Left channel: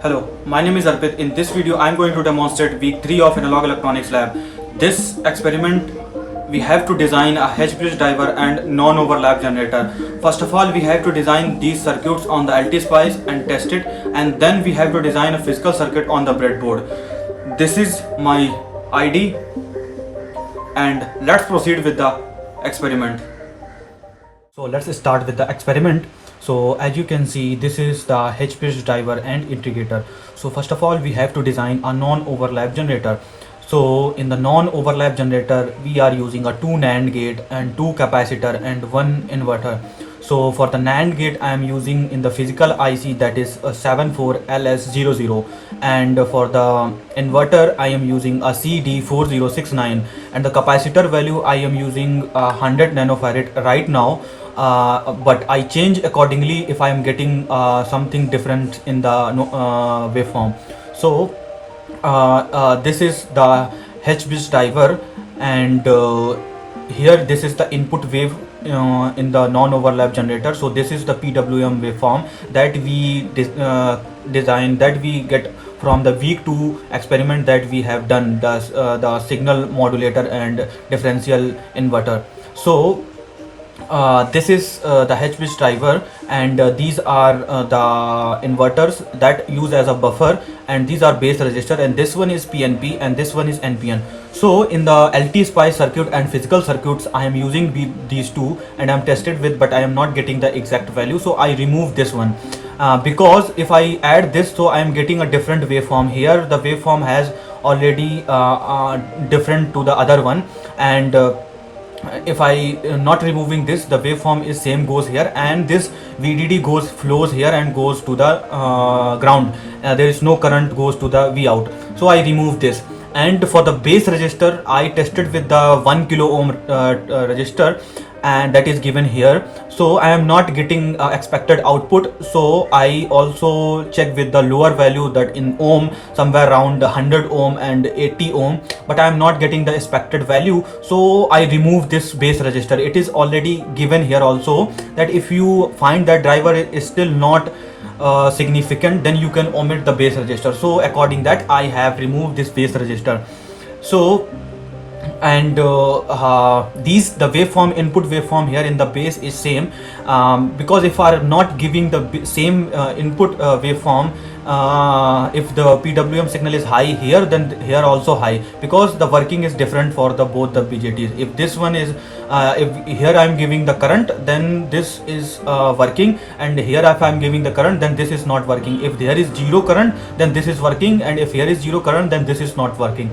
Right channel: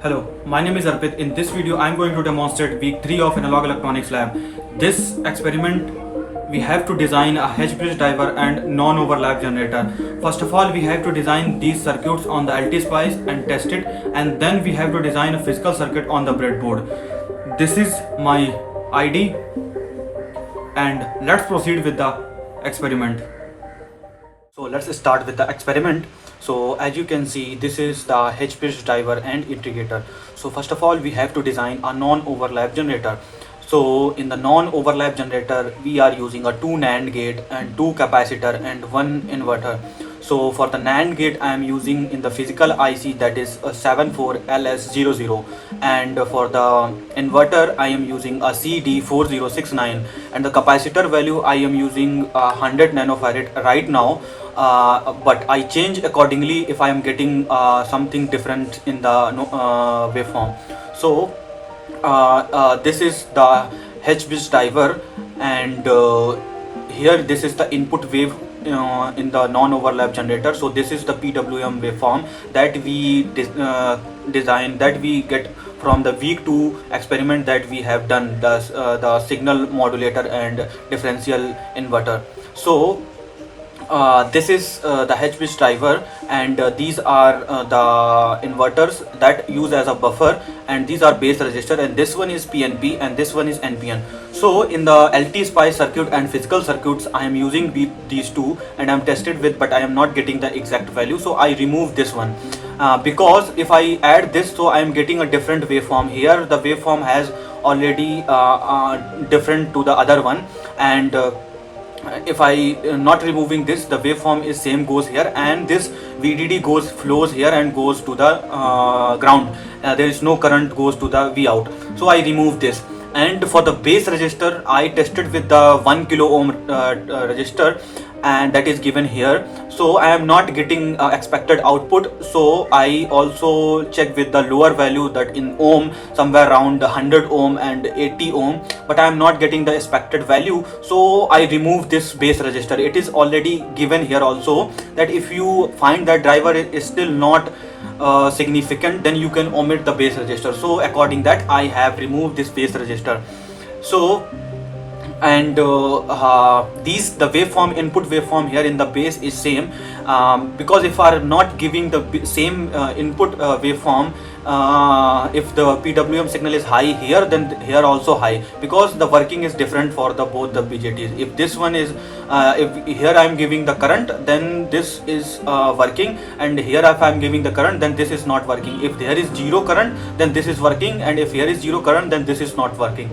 Hello, my name is Arpit. In this video, I am going to demonstrate week 3 of Analog Electronics Lab. This experiment, we have to design a H-bridge driver and non-overlap generator. First of all, we have to design these circuits on the LT-Spice and test it, and then we have to design a physical circuit on the breadboard. This is my ID, and let's proceed with the experiment. So let's start with the experiment. So as you can see, this is the H-bridge driver and integrator. So first of all, we have to design a non-overlap generator. So in the non-overlap generator, we are using a 2 NAND gate and 2 capacitor and 1 inverter. So for the NAND gate, I am using in the physical IC, that is a 74LS00, and for the inverter I am using a CD4069, and the capacitor value I am using 100 nanofarad right now. But I change accordingly if I am getting something different in the waveform. So this is the H-bridge driver, and here this is the input wave in the non-overlap generator. So this is the PWM waveform that we design, that we get from the week 2 experiment that we have done, the signal modulator and differential inverter. So this is the H-bridge driver, and these are the inverters that use as a buffer, and these are base resistor, and this one is PNP and this one is NPN. So in the LT-Spice circuit and physical circuits, I am using these two and I am tested with, but I am not getting the exact value, so I remove this one because if I add this, so I am getting a different waveform. Here the waveform has already different to the other one, and if I not removing this, the waveform is same goes here, and this VDD flows here and goes to the ground. There is no current goes to the VOUT, so I remove this. And for the base resistor, I tested with the 1 kilo ohm resistor, and that is given here. So I am not getting expected output, so I also check with the lower value, that in ohm somewhere around 100 ohm and 80 ohm, but I am not getting the expected value, so I remove this base resistor. It is already given here also that if you find that driver is still not significant, then you can omit the base resistor. So according that, I have removed this base resistor. So and the waveform, input waveform here in the base is same, because if I am not giving the same input waveform, if the PWM signal is high here, then here also high, because the working is different for the both the BJTs. If this one is if here I am giving the current, then this is working, and here if I am giving the current, then this is not working. If there is zero current, then this is working, and if here is zero current, then this is not working.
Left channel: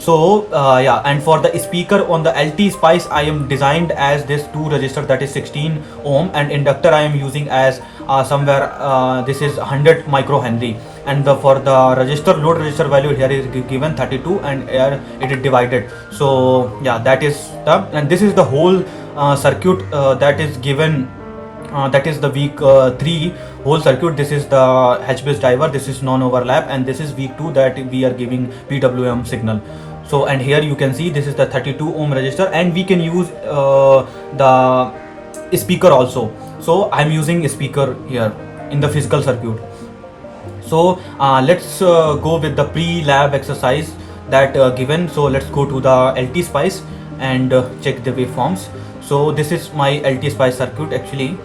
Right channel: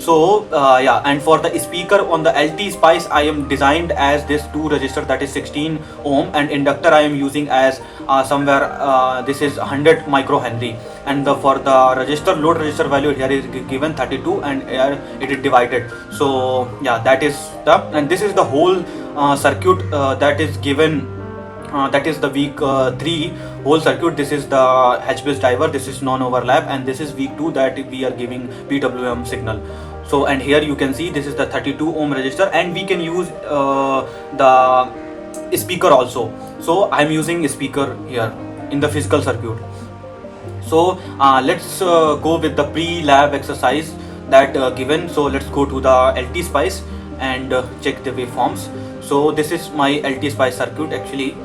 So yeah, and for the speaker on the LT-Spice, I am designed as this 2 resistor, that is 16 ohm, and inductor I am using as somewhere this is 100 microhenry, and for the resistor, load resistor value here is given 32, and here it is divided. So yeah, that is the, and this is the whole circuit that is given. That is the week 3 whole circuit. This is the H-bridge driver, this is non-overlap, and this is week 2 that we are giving PWM signal. So and here you can see this is the 32 ohm resistor, and we can use the speaker also. So I am using a speaker here in the physical circuit. So let's go with the pre-lab exercise that given. So let's go to the LT-Spice and check the waveforms. So this is my LT-Spice circuit actually.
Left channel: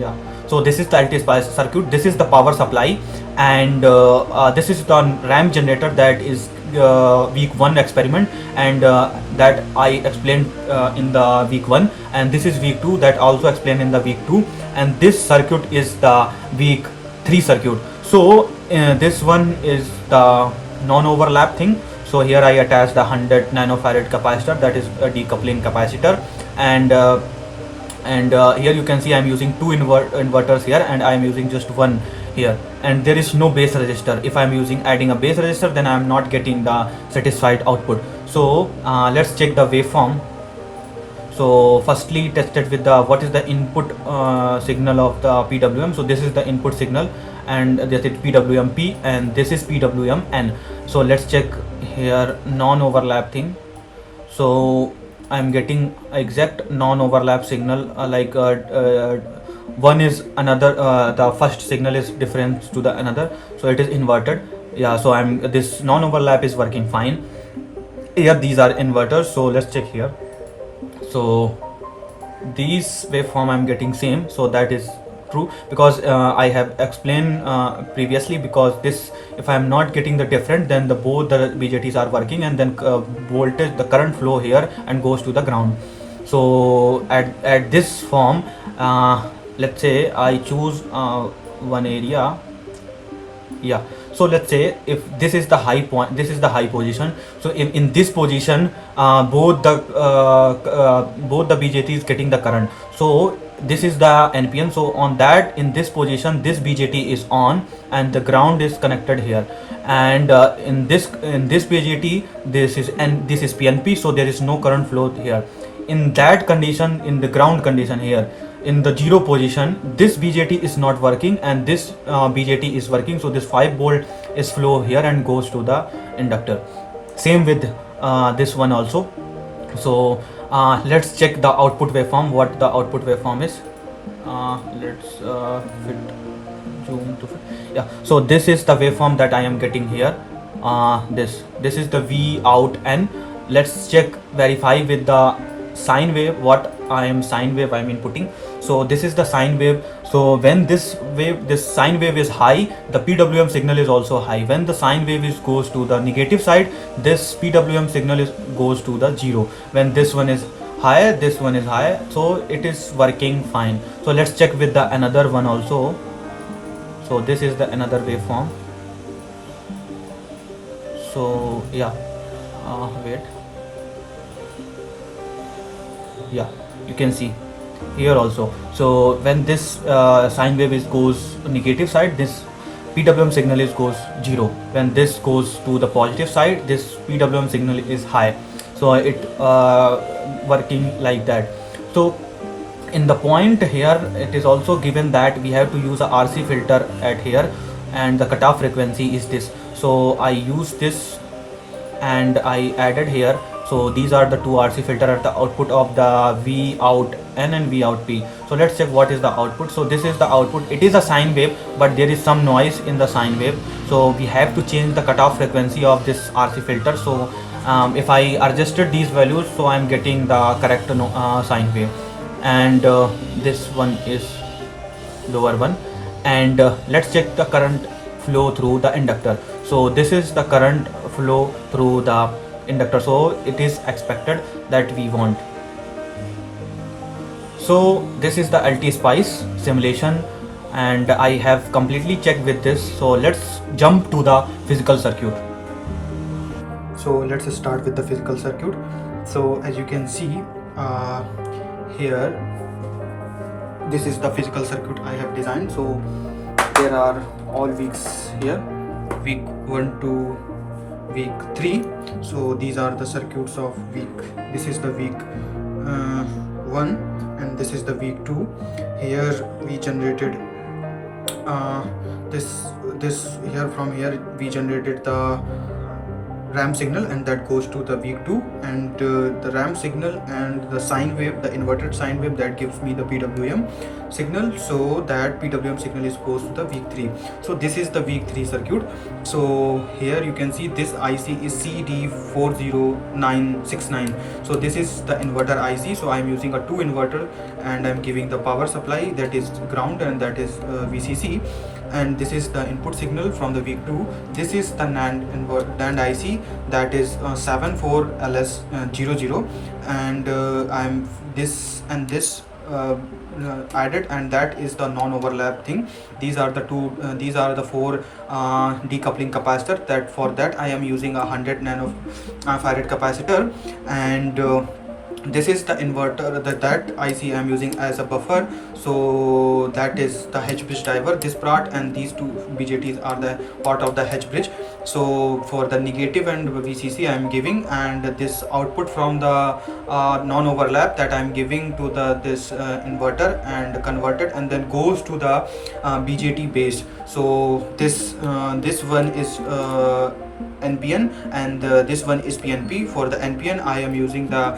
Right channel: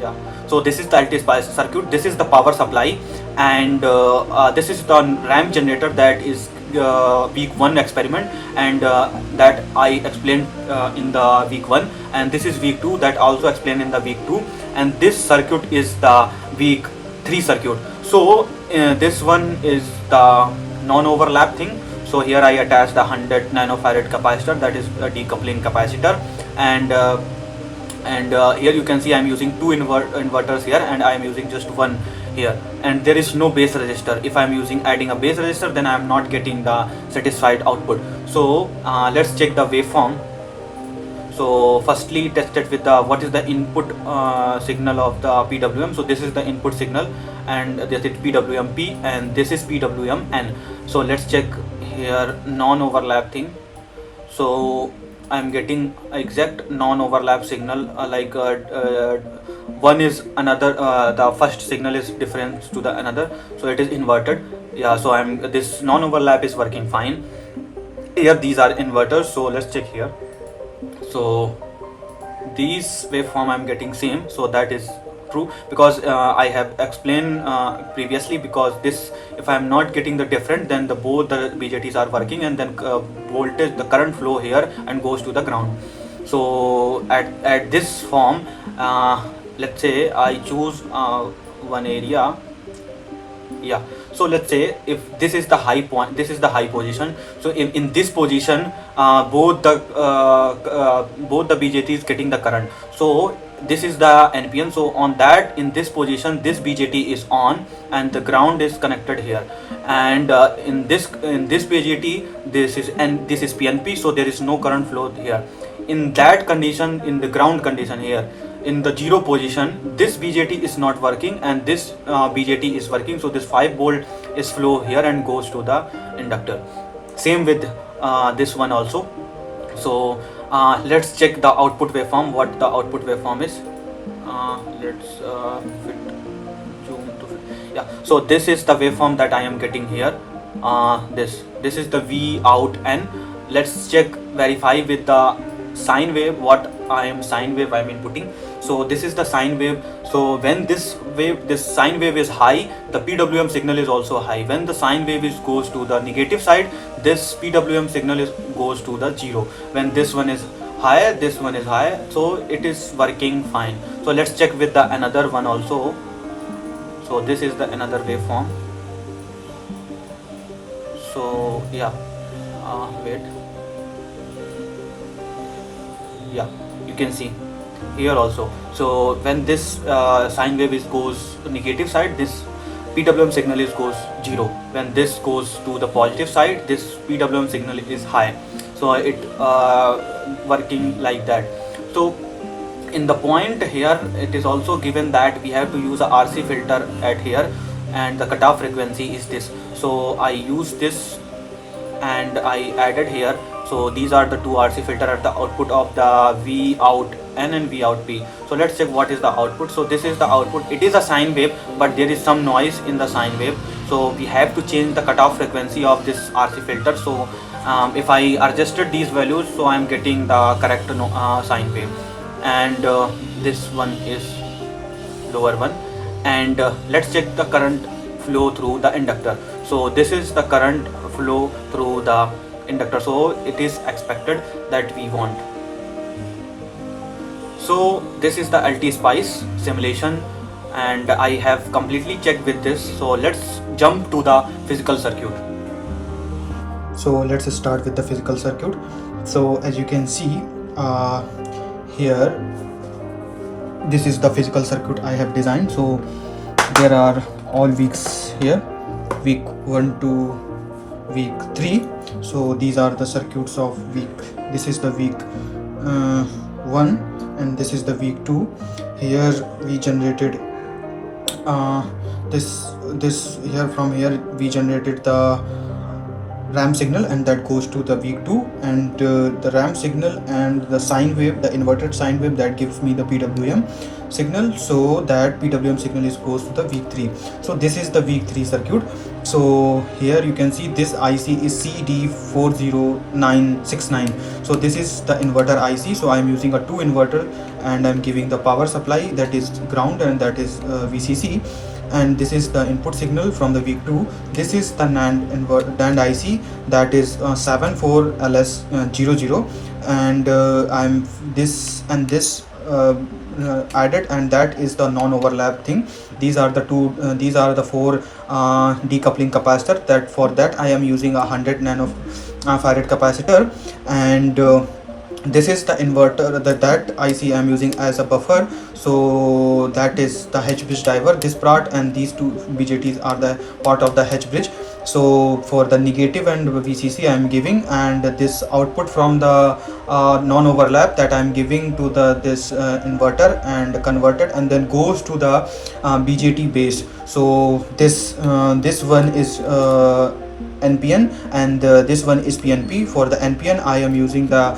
Yeah, so this is the LT-Spice circuit. This is the power supply, and this is the ramp generator that is week 1 experiment, and that I explained in the week 1, and this is week 2 that also explained in the week 2, and this circuit is the week 3 circuit. So this one is the non-overlap thing. So here I attach the 100 nanofarad capacitor, that is a decoupling capacitor, and here you can see I am using 2 inverters here, and I am using just one here, and there is no base resistor. If I am adding a base resistor, then I am not getting the satisfied output. So let's check the waveform. So firstly tested with the what is the input signal of the PWM. So this is the input signal, and this is PWMP, and this is PWMN. So let's check here non-overlap thing. So I'm getting exact non-overlap signal, one is another, the first signal is different to the another, so it is inverted. Yeah, so this non-overlap is working fine. Here these are inverters, so let's check here. So these waveform I'm getting same, so that is true, because I have explained previously, because this, if I'm not getting the different, then both the BJTs are working, and then voltage, the current flow here and goes to the ground. So at this form, let's say I choose one area. Yeah, so let's say if this is the high point, this is the high position, so in this position both the BJT is getting the current, so this is the NPN. So on that, in this position, this BJT is on and the ground is connected here, and in this BJT, this is PNP, so there is no current flow here. In that condition, in the ground condition here, in the 0 position, this BJT is not working and this BJT is working, so this 5 volt is flow here and goes to the inductor. Same with this one also. So let's check the output waveform, what the output waveform is. Let's zoom to fit. Yeah, so this is the waveform that I am getting here. This is the VOUT N. Let's check, verify with the sine wave, what sine wave I'm inputting. So this is the sine wave. So when this sine wave is high, the PWM signal is also high. When the sine wave goes to the negative side, this PWM signal goes to the 0. When this one is higher, this one is higher, so it is working fine. So let's check with the another one also. So this is the another waveform. So yeah, wait. Yeah, you can see here also. So when this sine wave goes negative side, this PWM signal goes 0. When this goes to the positive side, this PWM signal is high. So it working like that. So in the point here, it is also given that we have to use a RC filter at here, and the cutoff frequency is this. So I use this and I added here. So these are the two RC filter at the output of the VOUT N and VOUT P. So let's check what is the output. So this is the output. It is a sine wave, but there is some noise in the sine wave. So we have to change the cutoff frequency of this RC filter. So if I adjusted these values, so I am getting the correct sine wave. And this one is lower one. And let's check the current flow through the inductor. So this is the current flow through the inductor, so it is expected that we want. So this is the LT Spice simulation, and I have completely checked with this. So let's jump to the physical circuit. So let's start with the physical circuit. So as you can see here, this is the physical circuit I have designed. So there are all weeks here, week 1 to week 3. So these are the circuits of week. This is the week 1 and this is the week 2. Here we generated this here. From here we generated the ramp signal, and that goes to the week 2, and the ramp signal and the sine wave, the inverted sine wave, that gives me the PWM signal. So that PWM signal goes to the week 3. So this is the week 3 circuit. So here you can see this IC is CD40969. so this is the inverter IC. So I am using a 2 inverter, and I am giving the power supply, that is ground, and that is VCC. And this is the input signal from the week 2. This is the NAND IC, that is 74LS00, and I'm this and this added, and that is the non-overlap thing. These are the 4 decoupling capacitor. That for that I am using a 100 nanofarad capacitor, and this is the inverter, that IC I am using as a buffer. So that is the H bridge driver, this part, and these two BJTs are the part of the H bridge. So for the negative and VCC I am giving, and this output from the non-overlap that I am giving to this inverter and converted, and then goes to the BJT base. So this one is NPN, and this one is PNP. For the NPN I am using the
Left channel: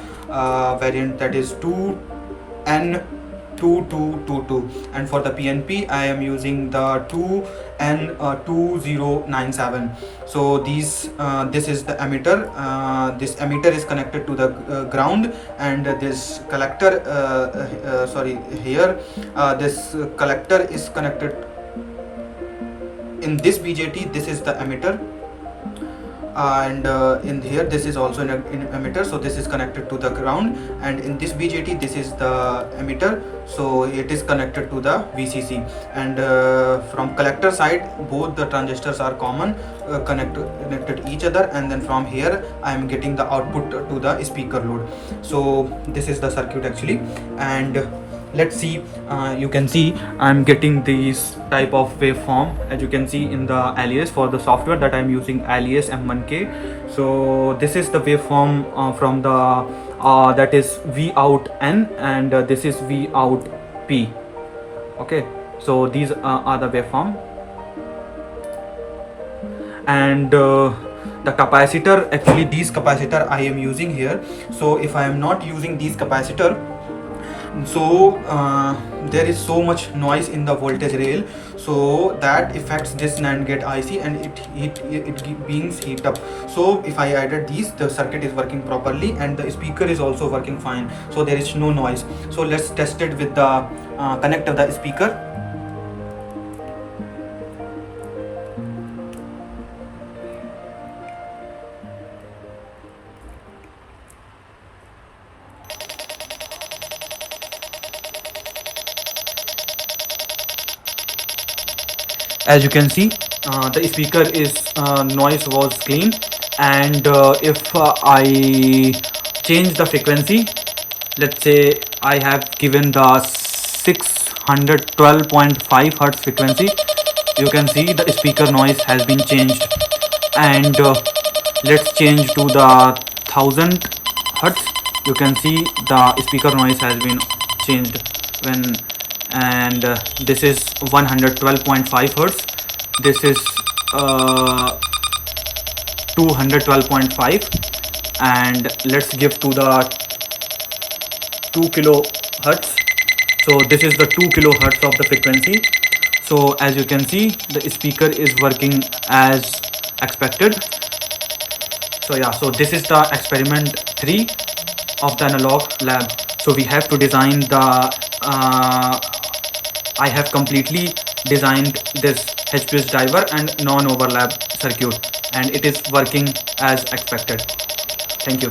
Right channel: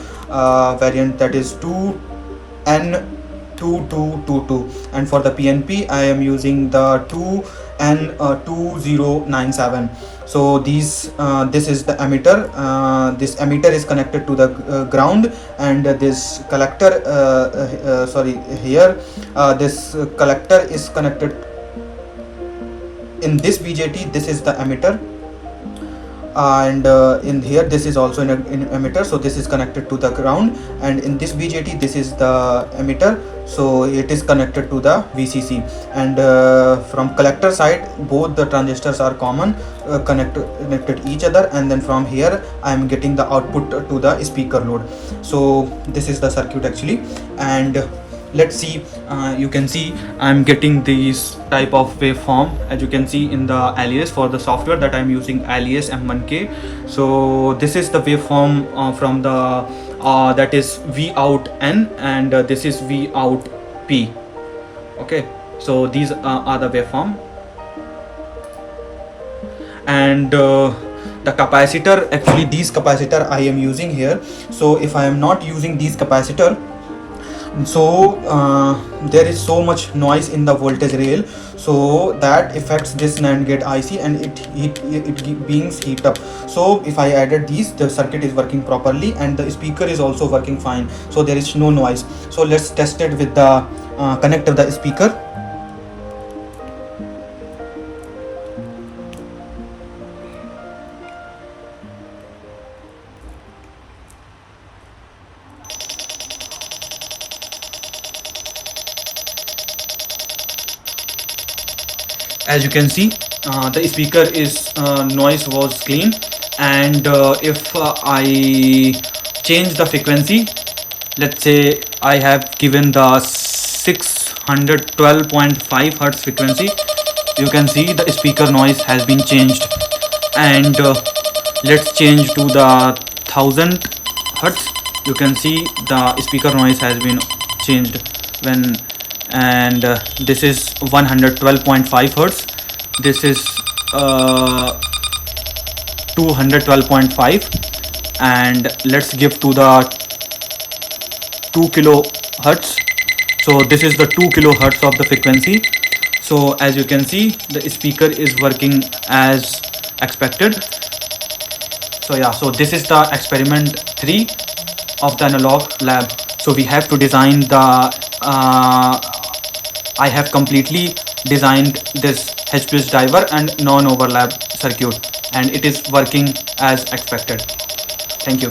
variant, that is 2N2222, and for the PNP I am using the 2N2097. so this is the emitter. This emitter is connected to the ground, and this collector here this collector is connected in this BJT. This is the emitter, and in here this is also an emitter, so this is connected to the ground, and in this BJT this is the emitter, so it is connected to the VCC, and from collector side both the transistors are common, connected each other, and then from here I am getting the output to the speaker load. So this is the circuit actually, and let's see. You can see I'm getting this type of waveform, as you can see in the alias. For the software that I'm using, alias M1K. So this is the waveform from the that is VOUT N, and this is VOUT P. Okay, so these are the waveform, and the capacitor, actually these capacitor I am using here. So if I am not using these capacitor, so there is so much noise in the voltage rail, so that affects this NAND gate IC, and it beings heat up. So if I added these, the circuit is working properly, and the speaker is also working fine, so there is no noise. So let's test it with the connect of the speaker. As you can see, the speaker is noise was clean, and if I change the frequency, let's say I have given the 612.5 Hertz frequency, you can see the speaker noise has been changed. And let's change to the 1000 Hertz, you can see the speaker noise has been changed. When and this is 112.5 Hertz, this is 212.5, and let's give to the 2 kilohertz. So this is the 2 kilohertz of the frequency. So as you can see, the speaker is working as expected. So yeah, so this is the experiment 3 of the analog lab. So we have to design the I have completely designed this HPS driver and non-overlap circuit, and it is working as expected. Thank you.